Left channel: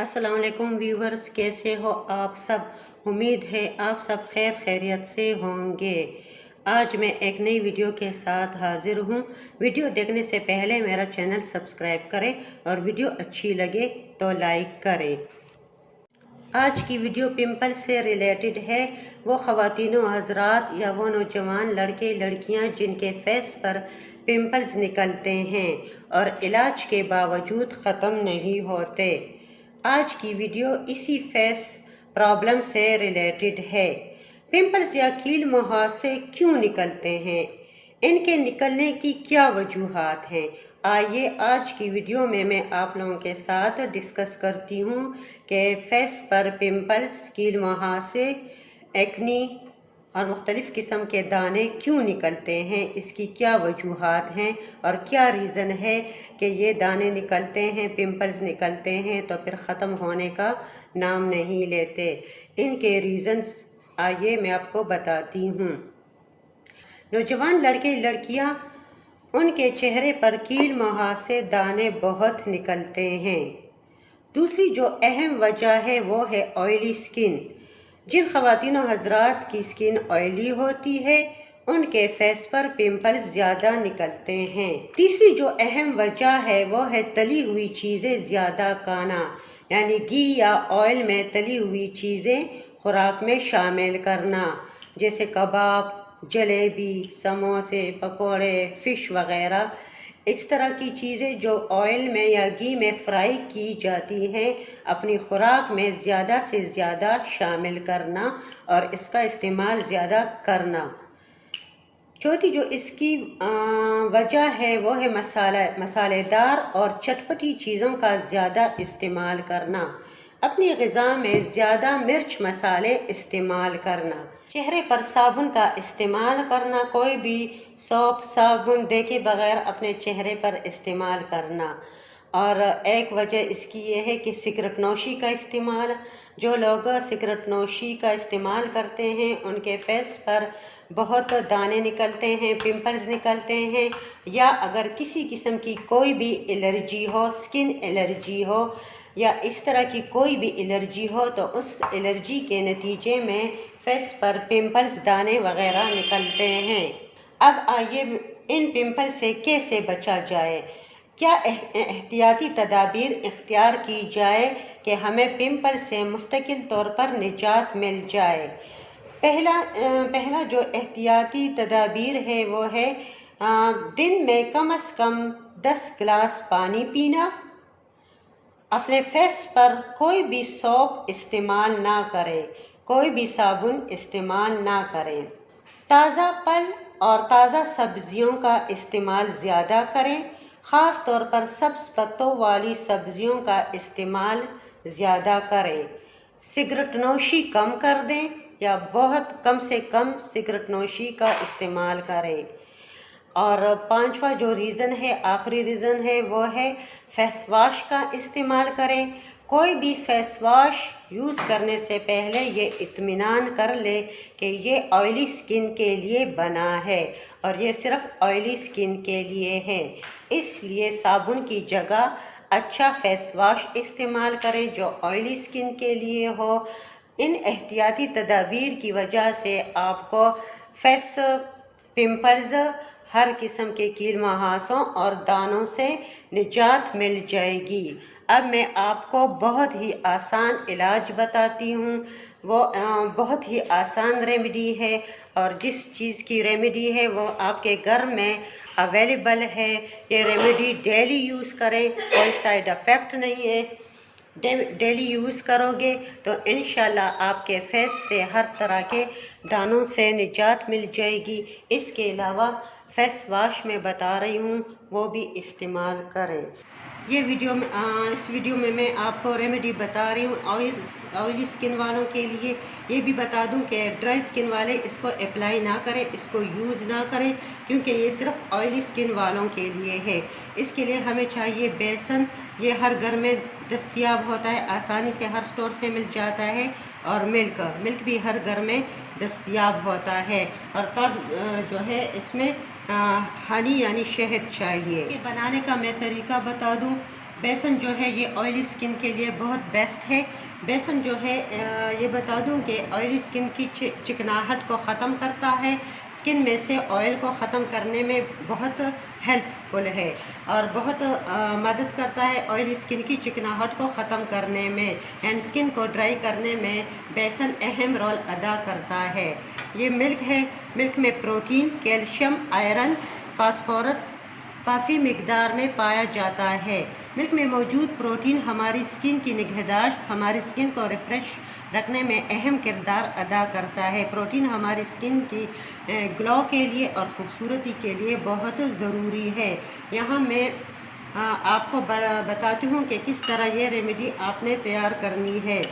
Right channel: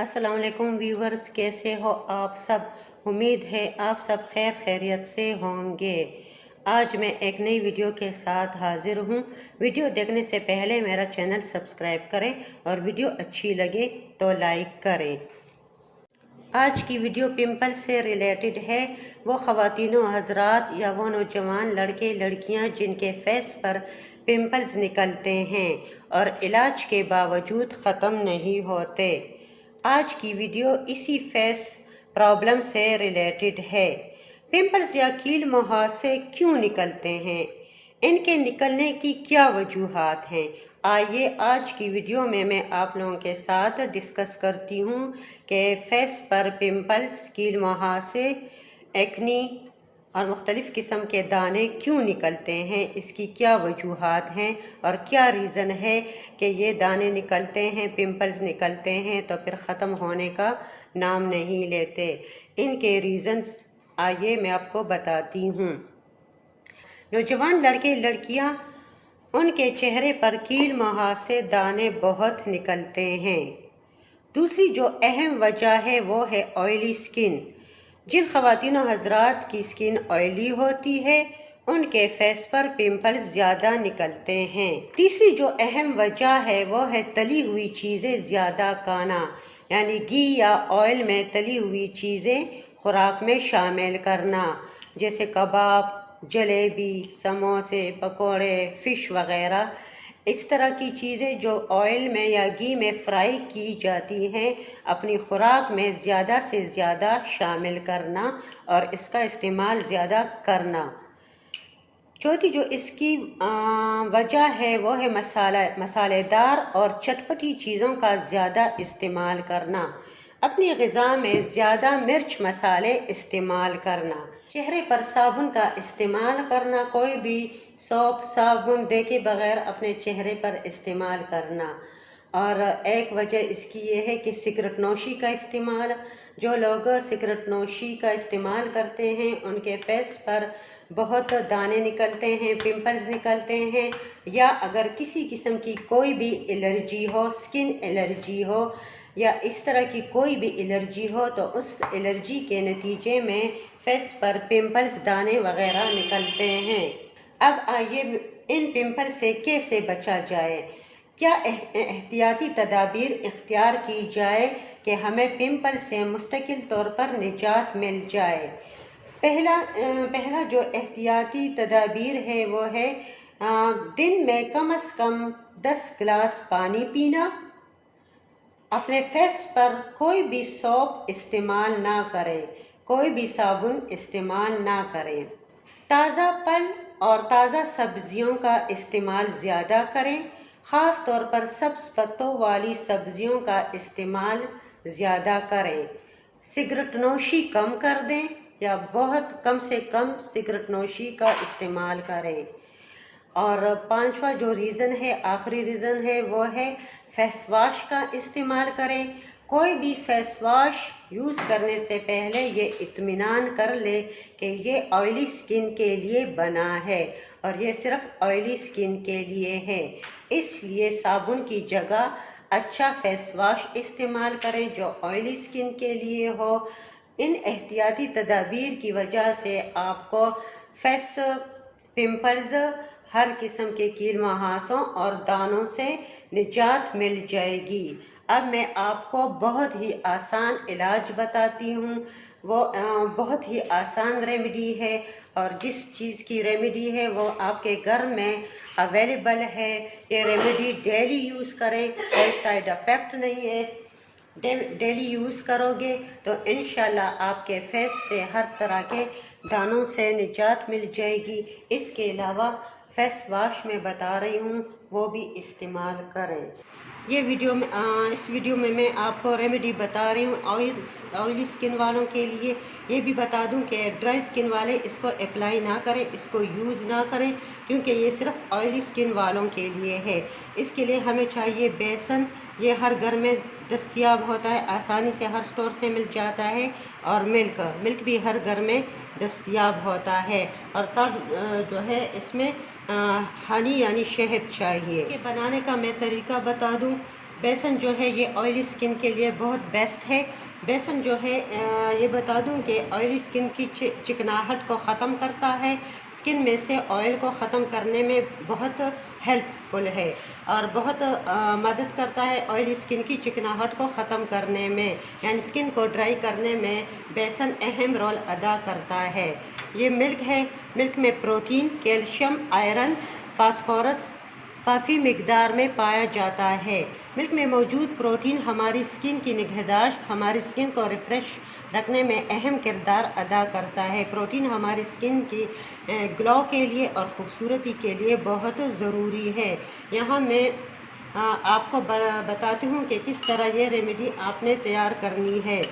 अस्सलाम वालेकुम व्यूवर्स, कैसे हो आप सब। उम्मीद है आप सब खैर खैरियत से होंगे। आज मैं एक नई वीडियो के साथ हाजिर हूँ। वीडियो देखने से पहले मेरा चैनल सब्सक्राइब करें और वीडियो अच्छी लगे तो लाइक करें। आज की वीडियो पिंपल से रिलेटेड है। वो ख़वातीनो हजरात या वो नौजवान लड़के लड़कियां जिनके फेस पर पिंपल्स निकलते हैं और इलाज के बावजूद ख़त्म नहीं होते। आज की वीडियो इसी फेस प्रॉब्लम से रिलेटेड है। पिंपल्स या कील मुहासे क्यों निकलते हैं, इनके निकलने की क्या वजूहात हैं, आइए आज की वीडियो में मैं आप लोगों के साथ डिस्कस करती हूँ कि फेस पर पिंपल्स, कील मुहासे, एक्नी और मुख्तलिफ़ किस्म के दाने क्यों निकलते हैं, इसकी क्या वजूहात हैं और क्या रीज़न है कि ये दाने निकलते हैं, पिंपल्स निकलते हैं तो फिर ख़त्म होने का नाम नहीं लेते। इनके रीज़न्स आइए मैं आपको बताती हूँ। नौजवान लड़के लड़कियाँ, उनके चेहरे पर कील मुहासे दाने बहुत निकलते हैं। दूसरी जो अहम वजह है वो है ऑयली स्किन। जिन ख़वातीनो हजरात की स्किन ऑयली होती है उनके फेस पर पिंपल्स ज़्यादा निकलते हैं। तीसरी जो अहम वजह है वो है तली हुई चीज़ें ज़्यादा खाना, यानी घी या ऑयल में तली हुई चीज़ें खुराक में शामिल करना, जैसे कबाब, जलेबी, समोसे, पकोड़े, फ़िश वग़ैरह। इस तरह की चीज़ें जो ऑयल में या घी में फ्राई की जाती हैं, अपनी खुराक में ज़्यादा से ज़्यादा शामिल करना और इसका इस्तेमाल ज़्यादा करना। चौथी जो इसकी वजह है वो है मसालेदार और चटपटी चीज़ों का ज़्यादा इस्तेमाल करना, अपनी ग़िज़ा में ज़्यादा मिर्च मसाले इस्तेमाल करना, चेहरे पर साबुन का इस्तेमाल करना, कोई भी सोप साबुन दे के बग़ैर अपने चेहरे पर इस्तेमाल करना। और एक वजह इसकी ये है कि सिगरेट नोशी का इस्तेमाल। जो लोग सिगरेट नोशी का इस्तेमाल करते हैं उनके फेस पर बहुत दाने निकलते हैं, पिंपल्स निकलते हैं, या अगर किसी किस्म की कोई भी एलर्जी हो, स्किन एलर्जी हो या इस तरह की कोई भी एलर्जी हो तो उस एलर्जी के नतीजे में फेस पर पिंपल्स, दाने वगैरह निकलते हैं। अब आइए इन पिंपल से कैसे बचा जाए, क्या एहतियाती तदाबीर इख्तियार की जाए कि हमें पिंपल से मुस्तकिल तौर पर निजात मिल जाए। पहला जो एहतियाती तदाबीर है वो है दिन में कम से कम 10 गिलास पानी पीना। अपने फेस पर कोई भी सोप इस्तेमाल ना करें, कोई भी साबुन इस्तेमाल ना करें। ताज़ा फल और ताज़ा सब्जियों का इस्तेमाल ज़्यादा करें, ख़ास तौर पर सब्ज़ पत्तों वाली सब्जियों का इस्तेमाल ज़्यादा करें। सिगरेट नोशी कम कर दें या बहुत कम से कम सिगरेट नोशी का इस्तेमाल करें। और पांचवा जो रीज़न है, आखिरी रीज़न है, वो है फेस वाश का इस्तेमाल करें। कोई भी फेस वाश यूज़ करने से पहले ये इत्मीनान कर ले कि ये ऑयली स्किन के लिए बना है और ये सिर्फ ऑयली स्किन के लिए है। इसलिए साबुन की जगह अच्छा फेस वाश इस्तेमाल करें जो ऑयली स्किन के लिए हो। इन एहतियाती तदाबीर की वजह से आपको फेस पिंपल्स, हर किस्म के कील मुहासों और दानों से निजात मिल जाएगी। अब मैं आपको बहुत ही आसान इलाज बताती हूँ। वो बहुत ही आसान रेमेडी है और जिस चीज़ की रेमेडी है वो आपके घर में अवेलेबल है। ये रेमेडी डेली यूज़ करें, कोई साइड इफ़ेक्ट नहीं है। डेली यूज़ करोगे तो इंशाल्लाह आपके फेस से हर तरह के दानों से निजात मिल जाएगी। इसके अलावा फेस वाश मैं बता रही हूँ वो भी इस्तेमाल करें। ये वीडियो में इस वीडियो में मैं आपको रेमेडी बता रही हूँ ऑयली स्किन वालों के लिए। ये भी बता दूँ कि ड्राई स्किन वाले इसको अप्लाई ना करें, इसको यूज़ ना करें, क्योंकि ये सिर्फ ऑयली स्किन वालों के लिए है। इसके लिए हमें चाहिए बेसन। ये हर घर में दस्तयाब होता है, आसानी से हर स्टोर से मिल जाता है। और मिल्क भी हर घर में दस्तयाब होता है। और तब जो है इसमें हनी यानी शहद चाहिए। ये बनाने का मैं तरीका बता दूं। बेसन जो है ये ऑयली स्किन के लिए बहुत बेस्ट है। बेसन जो है ये बता दूं कि ऑयली स्किन की चिकनाहट को ख़त्म करता है, स्किन में से ऑयल को ख़त्म करने में बहुत हेल्पफुल है और बहुत मदद करता है ऑयली स्किन की चिकनाहट को ख़त्म करने में, यानी स्किन को ड्राई करने में बेसन अहम रोल अदा करता है। ये मिल्क है, मिल्क में प्रोटीन, कैल्शियम, आयरन, फास्फोरस काफ़ी मिकदार में पाया जाता है। मिल्क में मौजूद प्रोटीन हमारी स्किन की निगहदाश्त, हमारी स्किन को रिफ़्रेश रखने में अहम किरदार अदा करता है। प्रोटीन हमारी स्किन की ग्लो के लिए और ख़ूबसूरती के लिए बहुत ज़रूरी है। यहाँ मैं आपको बताती हूँ कि किस तरह ये रेमेडी आपने तैयार करनी है।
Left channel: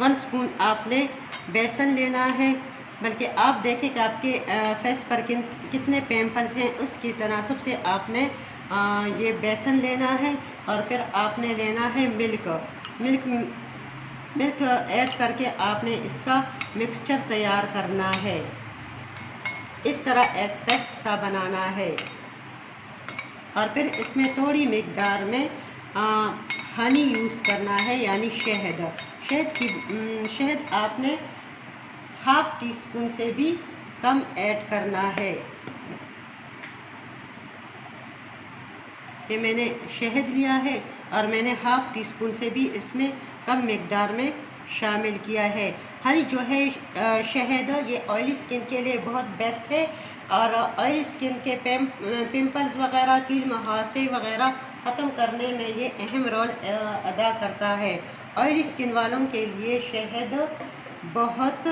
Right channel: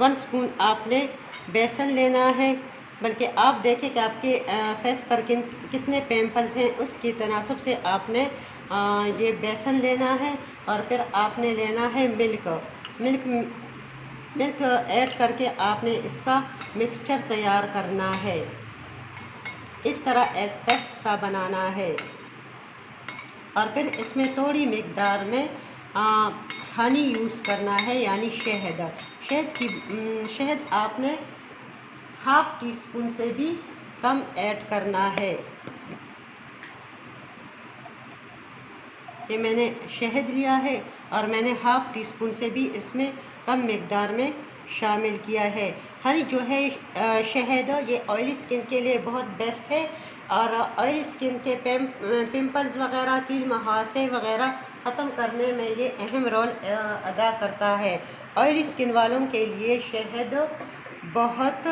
1 स्पून आपने बेसन लेना है, बल्कि आप देखें कि आपके फेस पर कितने पिंपल्स हैं, उसकी तनासब से आपने ये बेसन लेना है। और फिर आपने लेना है मिल्क ऐड करके आपने इसका मिक्सचर तैयार करना है। इस तरह एक पेस्ट सा बनाना है और फिर इसमें थोड़ी मिकदार में हनी यूज़ करना है, यानी शहद आपने ½ टीस्पून से भी कम ऐड करना है। ये मैंने शहद लिया है और मैंने ½ टीस्पून से भी इसमें कम मिकदार में शामिल किया है। हनी जो है शहद, ये ऑयली स्किन के लिए बहुत बेस्ट है और ऑयली स्किन के पिंपल्स वगैरह, कील मुहासे वगैरह ख़त्म करने में ये अहम रोल अदा करता है। ऑयली स्किन वालों के लिए शहद बहुत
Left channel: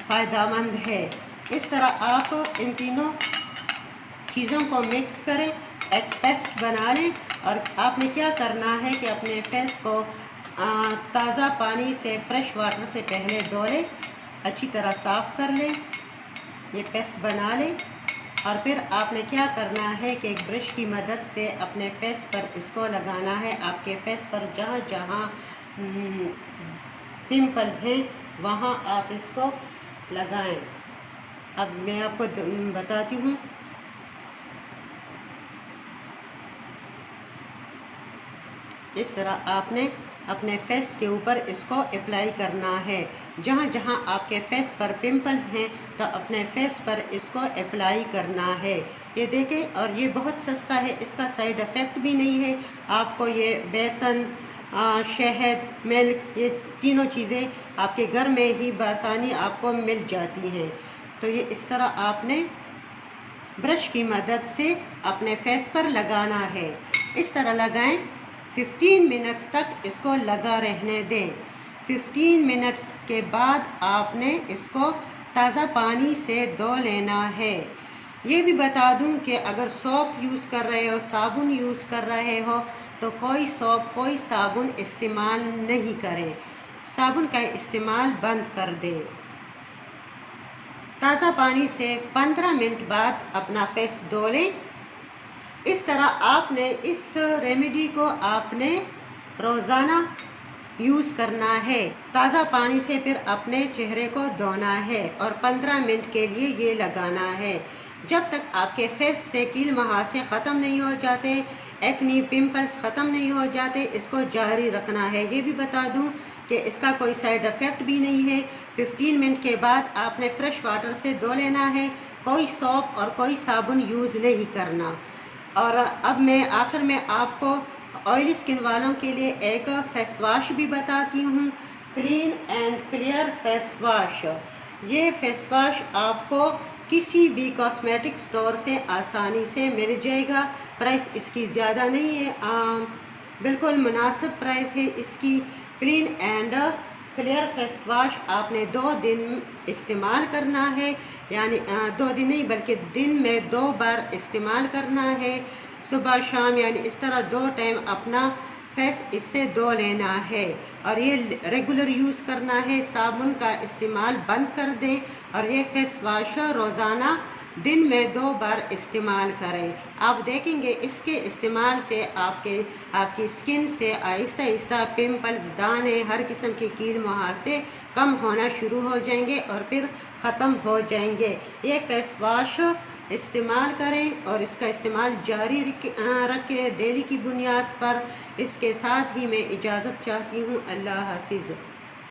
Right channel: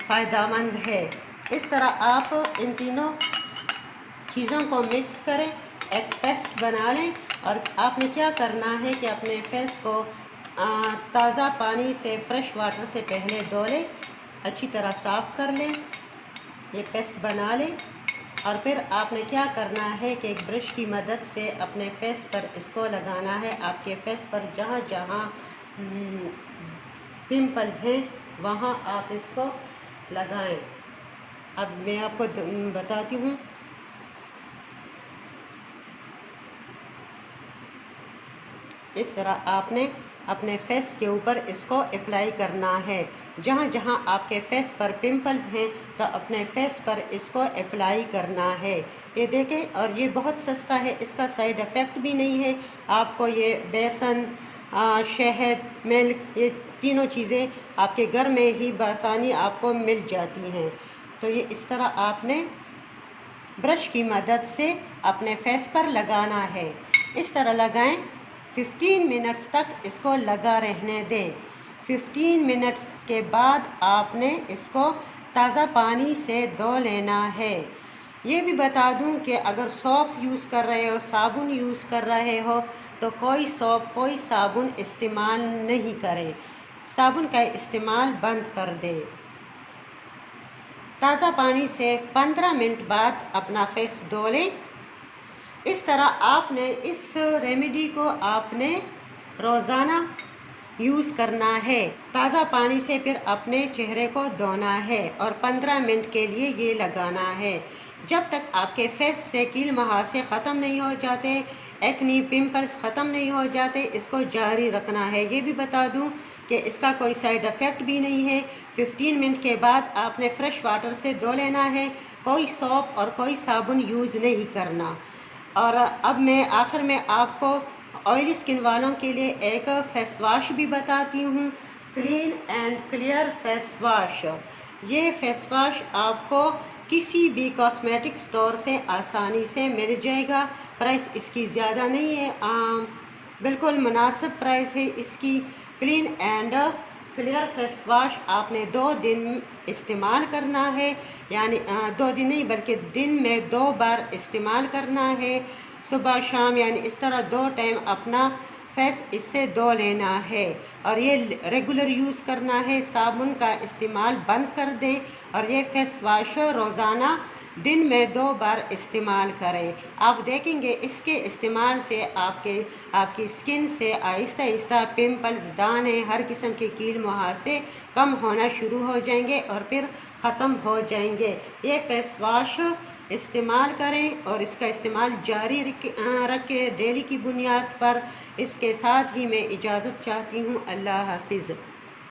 फ़ायदेमंद है। इस तरह आप इन तीनों चीज़ों को मिक्स करें, एक पेस्ट बना लें और आपने क्या करना है कि अपने फेस को ताज़ा पानी से, फ्रेश वाटर से पहले धो लें, अच्छी तरह साफ़ कर लें, ये पेस्ट बना लें और फिर आपने क्या करना है कि एक ब्रश की मदद से अपने फेस पर इसको लगाना है। आपके फेस पर जहाँ जहाँ पिंपल्स हैं वहाँ आप इसको लगाएं। अब मैं आपको बताती हूँ। इस तरह आपने अपने फेस के ऊपर इसको अप्लाई करना है। जहाँ जहाँ आपके फेस पर पिंपल्स हैं तो अपने फेस पर इसको अप्लाई करना है। ये देखें, और ये बहुत सस्ता है, इसका साइड इफ़ेक्ट भी नहीं है। आपको ये बेसन, शहद, मिल्क, ये तीनों चीज़ें आपके घर में ही बआसानी आपको मिल जाती हैं। तो ये इस तरह आपने ब्रश की मदद से अपने फेस पर लगाना है। इस तरह लगाएं, 15 मिनट्स तक इसको लगा रहने दें। 15 मिनट्स के बाद आपने इसको ताज़ा पानी से धो लेना है। ये भी बता दूं कि अगर सोप यूज़ कर रहे हो, साबुन यूज़ कर रहे हो, तो कोई सोप, कोई साबुन इस्तेमाल नहीं करें। साबुन का इस्तेमाल बंद कर दें। ताज़ा पानी से 15 मिनट बाद अपना फेस धो लें। इस तरह आपने इस रेमेडी को आपने रोज़ाना यूज़ करना है। ताज़ा पानी से फिर अपने चेहरे को धोना है और 15 मिनट के लिए ये लगाना है। जब तक आपके फेस से कील मुहासे ख़त्म नहीं हो जाते, एक्नी, पिंपल्स ख़त्म नहीं हो जाते, इसको जारी रखना है। ये भी बता दूं कि इसका कोई साइड इफ़ेक्ट भी नहीं है। 15 मिनट के बाद आपने फ्रेश वाटर से धो लेना है, कोई सोप और कोई साबुन यूज़ नहीं करना। और अब मैं आखिर में आपको ऑयली स्किन वालों के लिए एक फेस वॉश भी बताती हूँ, clean and clear face wash. ये फेस वॉश आपको किसी भी कॉस्मेटिक स्टोर से आसानी से मिल जाएगा। प्राइस इसकी ज़्यादा नहीं है, बिल्कुल मुनासिब प्राइस है इसकी। Clean and clear face wash आपने 2 दिन इस्तेमाल करना है, यानी 2 दिन नहीं बल्कि दिन में 2 बार इस्तेमाल करना है, सुबह शाम, यानी इस तरह 2 टाइम अपना फेस इससे धो लेना है। और ये रेगुलर यूज़ करना है, साबुन का इस्तेमाल बंद कर दें और ये फेस वॉश रोज़ाना दिन में 2 बार इस्तेमाल करें। आप देखेंगे इसके इस्तेमाल से आपकी स्किन से आहिस्ता आहिस्ता पिंपल्स, दाने, हर किस्म के कील मुहासे कम होना शुरू हो जाएंगे और फिर ख़त्म हो जाएंगे। ये फेस वाश इस्तेमाल करें और इसका इस्तेमाल जारी रखें डेली की बुनियाद पर। इसके साथ ही मैं इजाज़त चाहती हूँ। अल्लाह हाफिज़।